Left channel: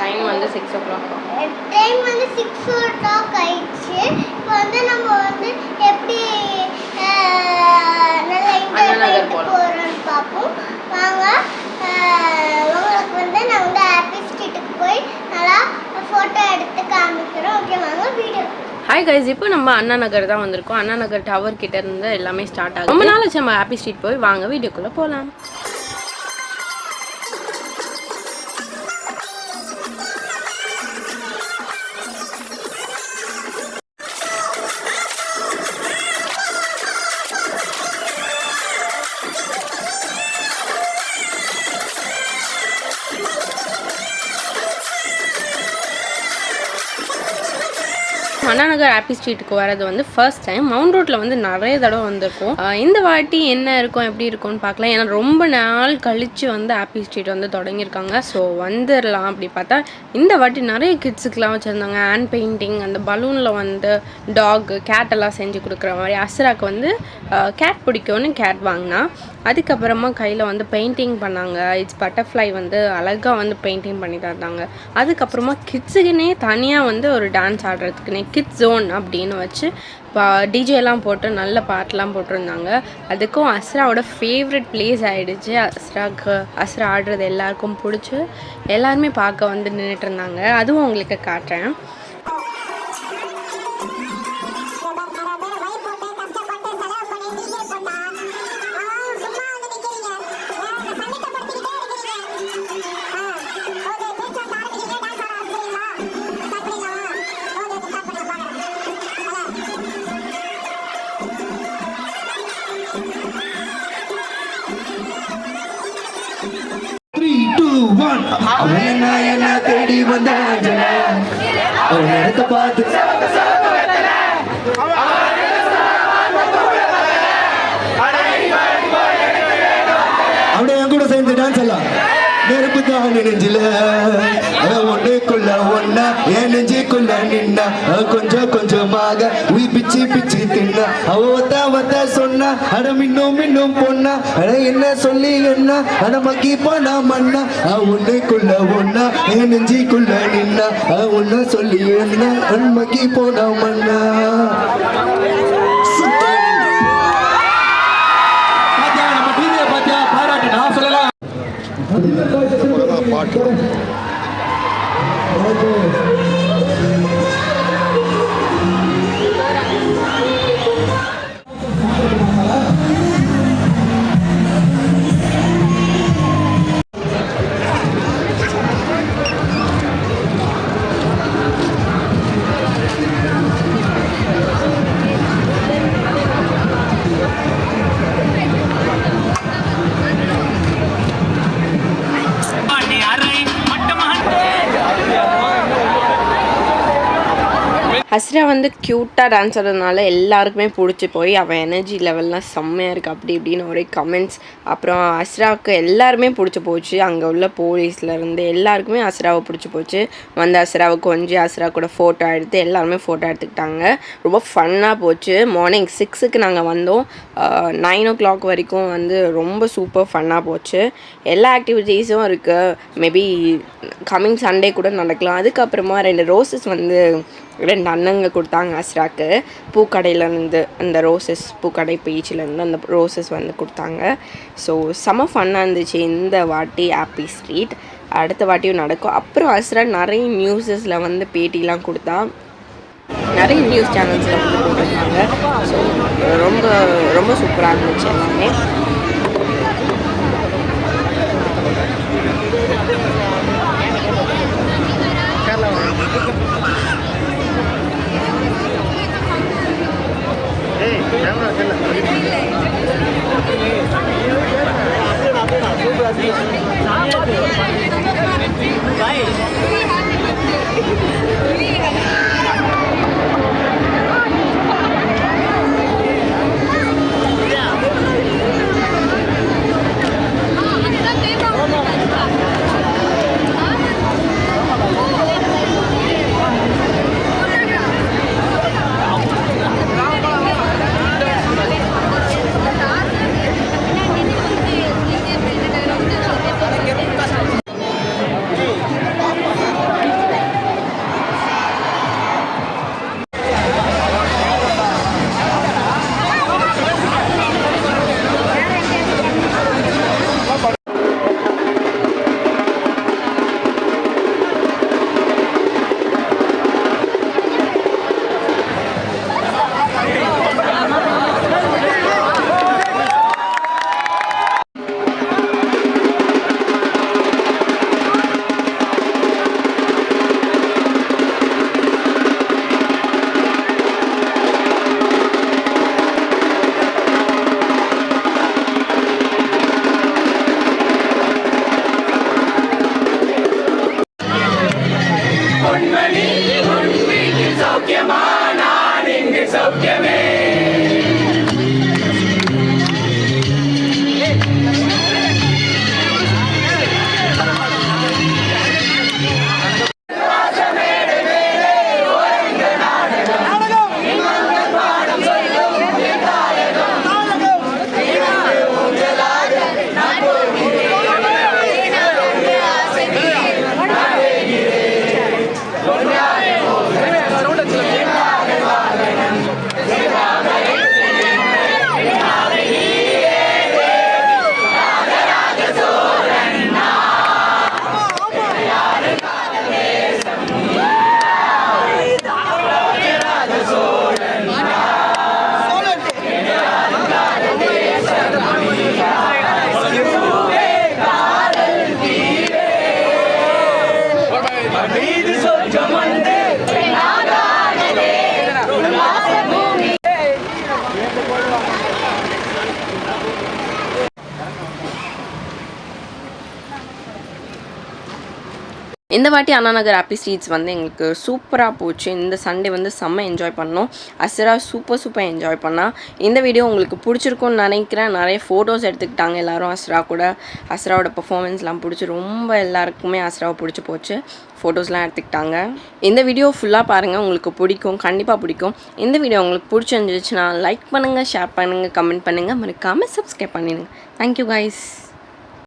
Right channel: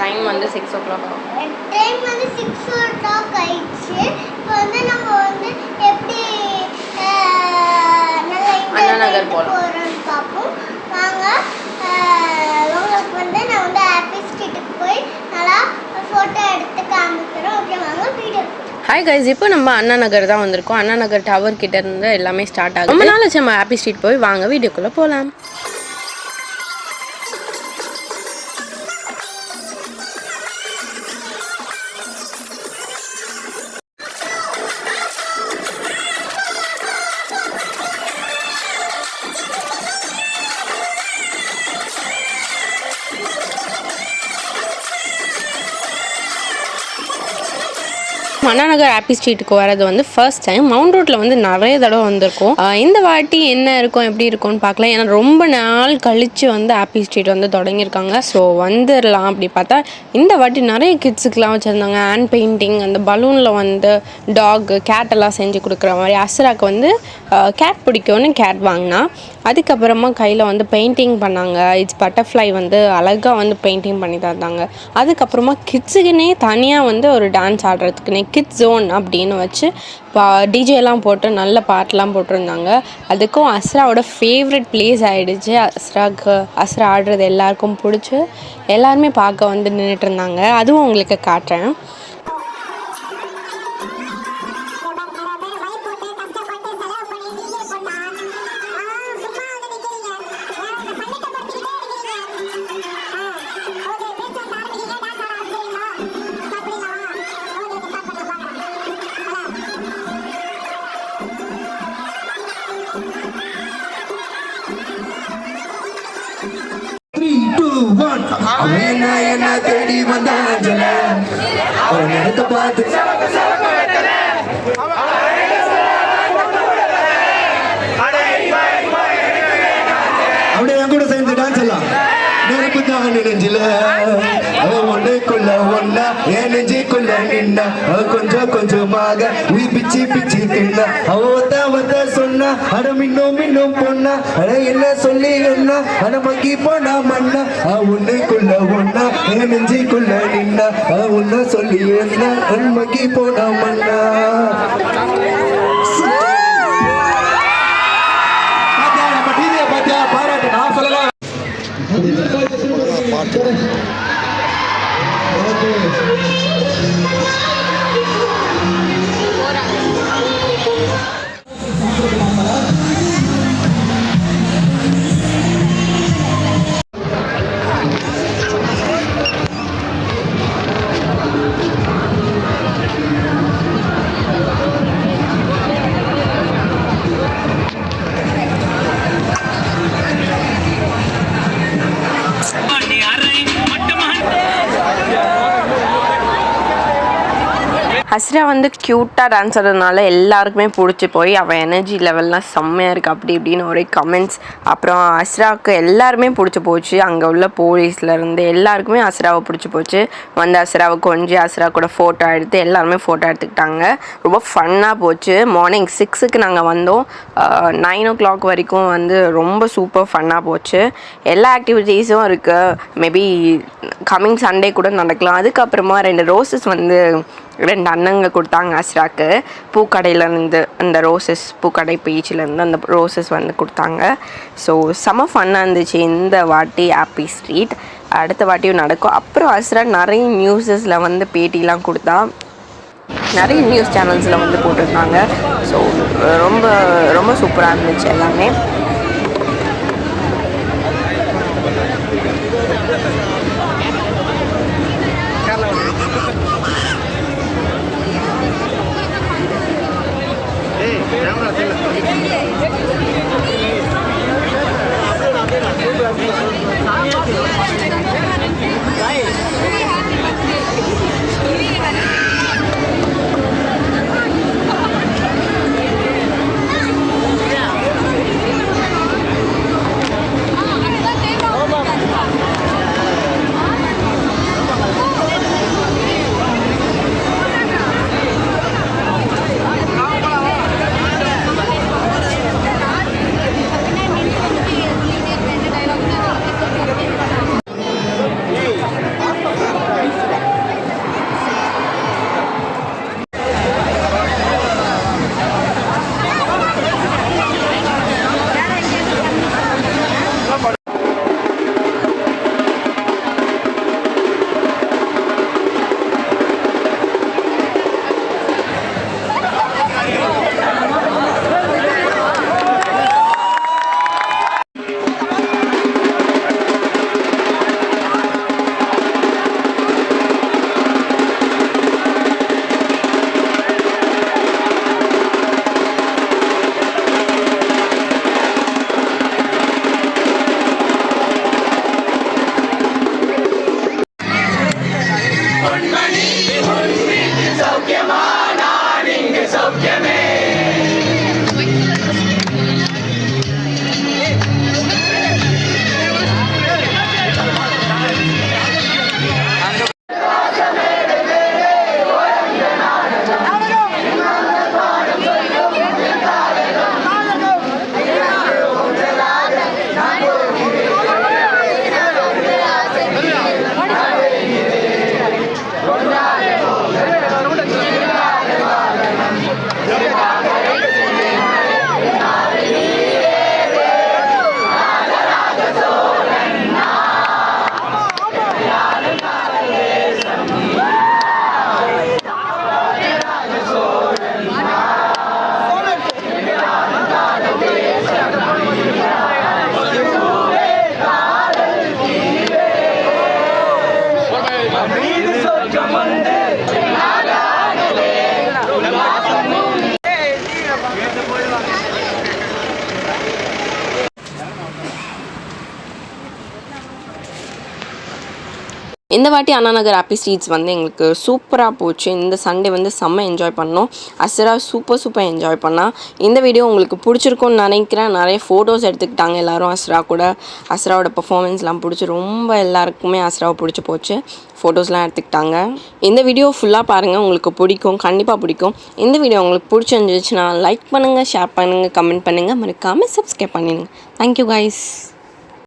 Time வந்து 6 o'clock. Time வந்து 6 o'clock ஆயிடுச்சு. இப்போ வந்து நம்ம வந்து எப்படி நல்லா நகர் போகிறோம்னு பார்ப்போம். வாங்க. உங்களுக்கு வந்து நான் வந்து ஹாப்பி ஸ்ட்ரீட்டுக்கு போய் நல்லா ஃபோட்டோ எடுத்து காமிக்கிறோம். ஓகே வாங்க வீடியோ. ஹாய் கைஸ், இப்போ நம்ம அண்ணா நகர் தான் வந்திருக்கோம். அண்ணா நகர் டவர் கிட்ட இருந்து எல்லாமே ஸ்டார்ட் ஆகும். ரொம்ப நாள் ஆச்சு நம்ம ஹாப்பி ஸ்ட்ரீட் போய். வாங்க வீடியோக்குள்ளே போகலாம். அண்ணா நகர் ஹாப்பி ஸ்ட்ரீட்டுக்கு வரது வந்து ஃபர்ஸ்ட் டைம். மவுண்ட் ரோட்டில் வந்து நிறைய தடவை வந்திருக்கும். இந்த வாட்டி என்ன இருக்கும் எப்படி இருக்கும்னு பார்க்கலாம். ஏன்னா ரொம்ப நாள் கழித்து வந்து ஹாப்பி ஸ்ட்ரீட் வந்து தொடங்கியிருக்காங்க. ஸோ வந்துடலாம். அப்படி பார்த்தா இந்த வாட்டி நிறைய கிட்ஸுக்கெலாம் வச்சுருந்தாங்க. ஹேண்ட் பெயிண்டிங், அந்த பலூனில் வந்து டாக் கேட் எல்லாம் செஞ்சு கொடுக்குற மாதிரி. அஸ்ராக்கு வந்து கேட் பிடிக்கும்னு கேட் வாங்கினா. அதுக்கப்புறமா கையில் வந்து பெயிண்டிங் பண்ணாங்க. இட்ஸ் பட்டர்ஃப்ளை வந்து அழகாக வந்து பெயிண்டிங் பண்ணி தந்தாங்க. அதுக்கப்புறமா கிட்ஸுக்குன்னே தனியாக வந்து ஒரு டான்ஸ் ஆடுறதுக்குன்னே கிட்ஸ் ஜோன் அப்படின்னு வச்சு டிஜேலாம் போட்டு நல்ல பாட்டெலாம் போட்டிருந்தாங்க. அதுக்கும் அஸ்ராவோட ஃபேவரட் பிளேஸ் ஆகிடுச்சு. அஸ்ரா ஆடுறது எல்லாருக்கும் பிடிச்சி எல்லாருமே பார்க்க வந்து நின்றுட்டு இருந்தாங்க. அதுவும் உங்களுக்கு காட்டுறேன். என்ன தேடி வந்தாஞ்சல அவன் இடத்த பார்த்து அப்படியே என் கூட சேர்ந்து டான்ஸ் எல்லாம் நெருப்பு தான் நெஞ்சில ஒன்றுக்குள்ள ஒன்னா என் நெஞ்சுக்குள்ள நின்னா கொஞ்சம் கொஞ்சமாக உயிர் பிச்சு பிச்சு தின்னா அவத்த சொன்னா அட மின்னும் பொண்ணா அட என்ன சொல்லி என்ன அட மக்கி போனா மண்ணா ஒன்றுக்குள்ள ஒன்னா என் நெஞ்சுக்குள்ள நின்னா ஒன்ன சொல்லி என்ன மக்கி போனா மண்ணா. நம்ம டிவியை பார்த்தியா பாராட்டு நான் சொல்லலாம். அஸ்ரா வந்து க்யூட்டாக டான்ஸ் ஆடுறதுனால எல்லாருக்குமே பிடிச்சி போய் அவன் எனர்ஜி லெவல்லாம் செம்மையாக இருக்குது அப்படி இப்படின்னு ஒரே கமெண்ட்ஸ். அப்புறம் அஸ்ராவுக்கு எல்லாருமே பிடிச்சி போச்சு. அங்கே உள்ள போலீஸ்லேருந்து எல்லாருக்குமே அஸ்ராவை பிடிச்சி போச்சு. வந்து அஸ்ராவை கொஞ்சம் அஸ்ரா கூட ஃபோட்டோ எடுத்து எல்லாருமே ஃபோட்டோ எடுத்துக்கிட்டாங்க. ரொம்ப ஃபன்னாக போச்சு. மார்னிங் 6க்கு நாங்கள் வந்தோம். 9 o'clock வரைக்கும் வந்து ரொம்ப சூப்பர் ஃபன்னாக போச்சு. எல்லா ஆக்டிவிட்டீஸும் இருக்குது. மேபி கம்மிங் சண்டே கூட நடக்கலாம். அதுக்கப்புறமா 2 ரோசஸ் வந்து 2 அண்ணங்க கொடுத்தாங்க அஸ்ராக்கு. பூக்கடையிலேருந்து அந்த ரோசஸ், பூக்கடை பீச்சிலேருந்து அந்த ரோசஸ் வந்து கொடுத்தாங்க. ஸோ செம ஃபன்னாக இருந்துச்சு இந்த வாட்டி ஹாப்பி ஸ்ட்ரீட். அடுத்த வாட்டியும் நடக்கும். அப்புறம் அஸ்ரா நிறைய நியூஸஸில் வந்து பேட்டிலாம் கொடுத்தா. நிறைய நியூஸ் சேனல்ஸில் வந்து போட்டிருந்தாங்க. ஸோ ரொம்ப ரொம்ப சூப்பராக இருந்துச்சு எல்லாமே. இந்த வாட்டி அண்ணா நகர் ஹாப்பி ஸ்ட்ரீட்ஸ் வந்து எங்களுக்கு சூப்பராக போச்சு. இந்த சண்டே வந்து செம்ம என்ஜாய் பண்ணோம். அஸ்ரா சூப்பர் என்ஜாய் பண்ணா. இந்த வீடியோ உங்களுக்கு பிடிச்சிருக்கும்னு நினைக்கிறேன். நிறைய ஃபோட்டோஸ் எடுத்துக்கிட்டாங்க எல்லோரும் அஸ்ரா கூட. அஸ்ராவோட பர்ஃபார்மன்ஸ்லாம் பிடிச்சி ரொம்ப எல்லாருக்குமே அஸ்ராவை பிடிச்சி போச்சு. ஃபோட்டோஸ்லாம் எடுத்துக்கிட்டாங்க. இந்த வீடியோ ஃபுல்லாக பாருங்கள், உங்களுக்கு பிடிக்கும், கண்டிப்பாக பிடிக்கும். இந்த வீடியோ உங்களுக்கு பிடிச்சிருந்துச்சுன்னா லைக் பண்ணுங்கள், ஷேர் பண்ணுங்கள், கமெண்ட் பண்ணுங்கள், மறக்காமல் சப்ஸ்கிரைப் பண்ணிடுங்க. Thank you guys.